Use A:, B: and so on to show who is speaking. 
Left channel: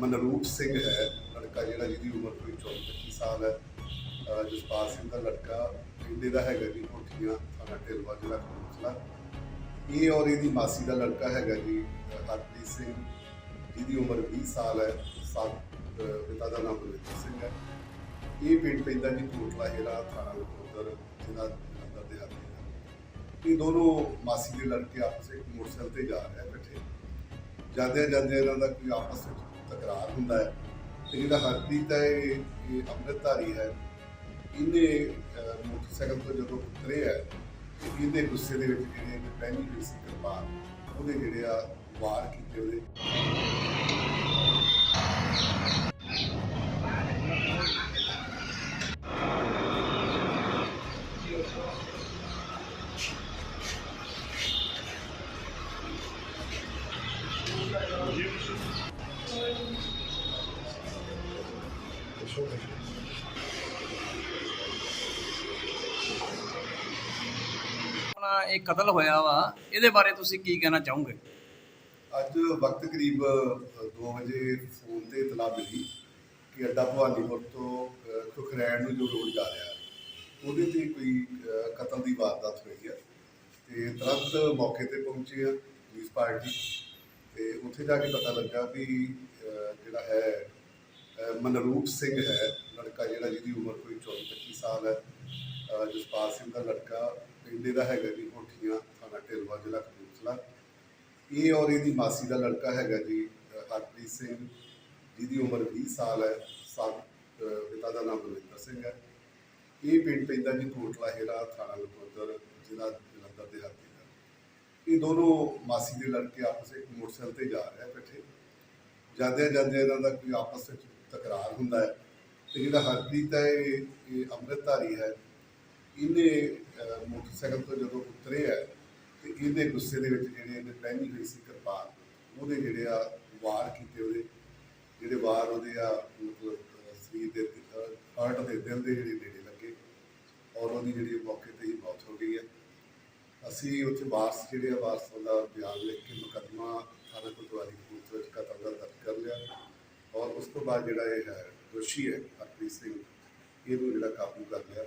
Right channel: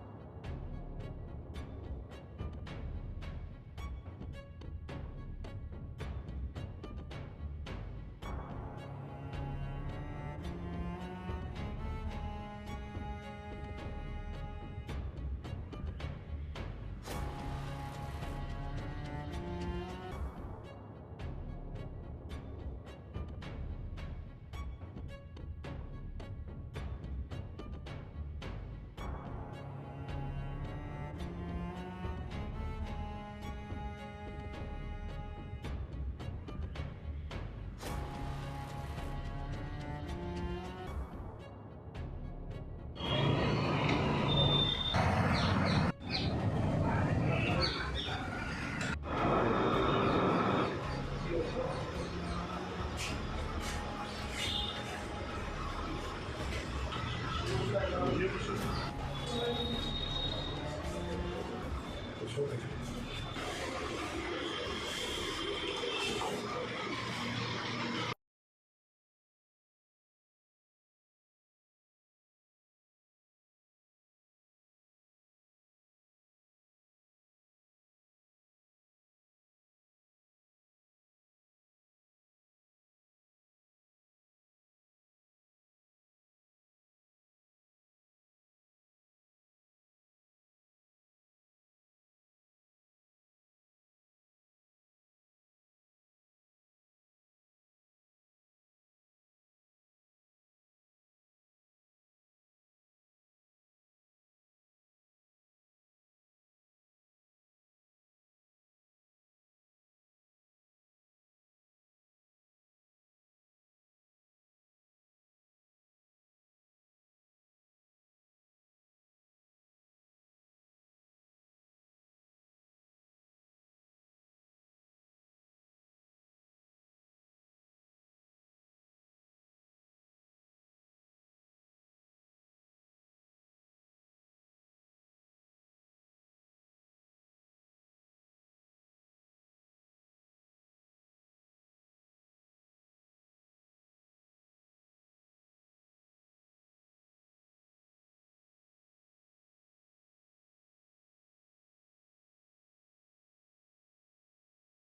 A: ਮਨਰੂਪ ਸਿੰਘ ਹੈ ਲੜਕਾ ਜਿਹੜਾ ਜਿਹਦੀ ਉਮਰ ਕੋਈ 24 ਸਾਲ ਹੈ ਜਸਪਾਲ ਸਿੰਘ ਦਾ ਲੜਕਾ, ਮੁੰਡੇ ਦਾ ਹੈਗਾ ਜੀ, ਕੋਠੀਆਂ, ਥਾਣਾ ਢਿਲਵਾ ਜ਼ਿਲ੍ਹਾ ਕਪੂਰਥਲਾ। ਇਹ ਔਰ ਇਹਦੀ ਮਾਸੀ ਦਾ ਲੜਕਾ ਹੈਗਾ ਜੀ, ਹਰਪ੍ਰੀਤ ਸਿੰਘ, ਜਿਹਦੀ ਉਮਰ 20 ਸਾਲ ਹੈ, ਸਾਲ ਪਿਤਾ ਦਾ ਨਾਮ ਬਲਵਿੰਦਰ ਸਿੰਘ ਹੈ। ਇਹ ਪਿੰਡ ਪੈਂਦਾ ਜੀ ਕੋਟਲਾ ਹੀਰਾ ਥਾਣਾ ਉਧਰ ਜ਼ਿਲ੍ਹਾ ਜਲੰਧਰ ਦੇ ਇਹ ਦੋਨੋਂ ਮਾਸੀ ਦੇ ਲੜਕੇ ਆਪਸ ਵਿੱਚ ਮੋਟਰਸਾਈਕਲ ਤੇ ਜਾ ਰਹੇ ਇਕੱਠੇ। ਜਾਂਦੇ ਜਾਂਦੇ ਇਹਨਾਂ ਦਾ ਕੋਈ ਆਪਸ ਵਿੱਚ ਤਕਰਾਰ ਹੁੰਦਾ ਹੈ। ਤੇ ਜਿਹੜਾ ਹਰਪ੍ਰੀਤ ਹੈ ਇਹ ਅੰਮ੍ਰਿਤਧਾਰੀ ਹੈ। ਇਹਨੇ ਮੋਟਰਸਾਈਕਲ ਤੋਂ ਜਦੋਂ ਉਤਰੇ ਹੈ ਤੇ ਇਹਦੇ ਗੁੱਸੇ ਦੇ ਵਿੱਚ ਜਿਹੜੇ ਪਹਿਲੀ ਪੀਸ ਦੇ ਬਾਅਦ ਉਹਦੇ ਜਿਹੜੇ ਆ ਵਾਰ ਕੀਤੇ ਉਹਦੇ।
B: ਆਪਣਾ ਇਹ ਕਤਲ ਹੋਇਆ ਵਾ, ਇਹਦੇ ਬਾਰੇ ਤੁਸੀਂ ਕੀ ਕਹਿਣਾ ਚਾਹੋਗੇ?
A: ਅੱਜ ਵਕਤ ਕਰੀਬ 2 ਵਜੇ ਫੋਨ ਤੇ ਇਤਲਾਹ ਮਿਲੀ ਕਿ ਅੱਡਾ ਭਵਾਨੀਪੁਰ ਤੋਂ ਖੁਖਰੈਣ ਨੂੰ ਜੋ ਰੋਡ ਜਾ ਰਿਹਾ, ਉਹਦੇ ਤੇ ਕੋਈ ਕਤਲ ਦੀ ਵਾਰਦਾਤ ਹੋਈ ਹੈ ਤੇ ਤੁਰੰਤ ਮੌਕੇ ਤੇ ਪਹੁੰਚੇ ਆ ਪੁਲਿਸ ਪਾਰਟੀ ਤੇ। ਉੱਥੇ ਜਾ ਕੇ ਪਤਾ ਲੱਗਾ ਵੀ ਮਨਰੂਪ ਸਿੰਘ ਹੈ, ਲੜਕਾ ਜਿਹੜਾ ਜਿਹਦੀ ਉਮਰ ਕੋਈ 24 25 ਸਾਲ ਹੈ। ਜਸਪਾਲ ਸਿੰਘ ਦਾ ਲੜਕਾ ਪਿੰਡੇ ਦਾ ਹੈਗਾ ਜੀ, ਕੋਠੀਆਂ, ਥਾਣਾ ਢਿਲਵਾ, ਜ਼ਿਲ੍ਹਾ ਕਪੂਰਥਲਾ। ਇਹ ਔਰ ਇਹਦੀ ਮਾਸੀ ਦਾ ਲੜਕਾ ਹੈਗਾ ਜੀ ਹਰਪ੍ਰੀਤ ਸਿੰਘ, ਜਿਹਦੀ ਉਮਰ 20 ਸਾਲ ਹੈ। ਸਾਲ ਪਿਤਾ ਦਾ ਨਾਮ ਬਲਵਿੰਦਰ ਸਿੰਘ ਹੈ। ਇਹ ਪਿੰਡ ਪੈਂਦਾ ਜੀ ਕੋਟਲਾ ਹੇਰਾ, ਥਾਣਾ ਲਖੋਦਰ, ਜ਼ਿਲ੍ਹਾ ਜਲੰਧਰ ਦੇ ਹੱਥ ਦਾ। ਇਹ ਦੋਨੋਂ ਮਾਸੀ ਦੇ ਲੜਕੇ ਆਪਸ ਵਿੱਚ ਮੋਟਰਸਾਈਕਲ ਤੇ ਜਾ ਰਹੇ ਆ ਇਕੱਠੇ। ਜਾਂਦੇ ਜਾਂਦੇ ਇਹਨਾਂ ਦਾ ਕੋਈ ਆਪਸ ਵਿੱਚ ਤਕਰਾਰ ਹੁੰਦਾ ਹੈ। ਤੇ ਜਿਹੜਾ ਹਰਪ੍ਰੀਤ ਹੈ ਇਹ ਅੰਮ੍ਰਿਤਧਾਰੀ ਹੈ। ਇਹਨੇ ਮੋਟਰਸਾਈਕਲ ਤੋਂ ਜਦੋਂ ਉਤਰੇ ਹੈ ਤੇ ਇਹਦੇ ਗੁੱਸੇ ਦੇ ਵਿੱਚ ਜਿਹੜੇ ਇਹਨੇ ਪਹਿਨੀ ਹੋਈ ਸੀ ਕਿਰਪਾਨ, ਉਹਦੇ ਜਿਹੜੇ ਆ ਵਾਰ ਕੀਤੇ ਉਹਦੇ। ਜਿਹੜੇ ਵਾਰ ਉਹਦੇ ਆ, ਮਤਲਬ ਸਰੀਰ ਦੇ ਹਾਰਟ ਦੇ ਦਿਲ ਦੇ ਜਿਹੜੇ ਨੇੜੇ ਲੱਗੇ। ਔਰ ਉਹਦੀ ਜਿਹੜੀ ਮੌਕੇ ਤੇ ਹੀ ਮੌਤ ਹੋ ਗਈ ਹੈ। ਅਸੀਂ ਉੱਥੇ ਵਾਰਸ, ਜਿਹੜੇ ਆ ਵਾਰਸ ਦਾ ਬਿਆਨ ਲਿਖ ਕੇ ਮੁਕੱਦਮਾ ਥਾਣਾ ਕੋਤਵਾਲੀ ਕਪੂਰਥਲੇ ਵਿੱਚ ਕਤਲ ਦਾ ਦਰਜ ਕਰ ਲਿਆ ਔਰ ਉਸ ਤੋਂ ਬਾਅਦ ਜਿਹੜਾ ਇਹ ਹੈ ਦੋਸ਼ੀ ਹੈ ਹਰਪ੍ਰੀਤ ਸਿੰਘ ਇਹਨੂੰ ਜਿਹੜਾ ਕਾਬੂ ਕਰ ਲਿਆ।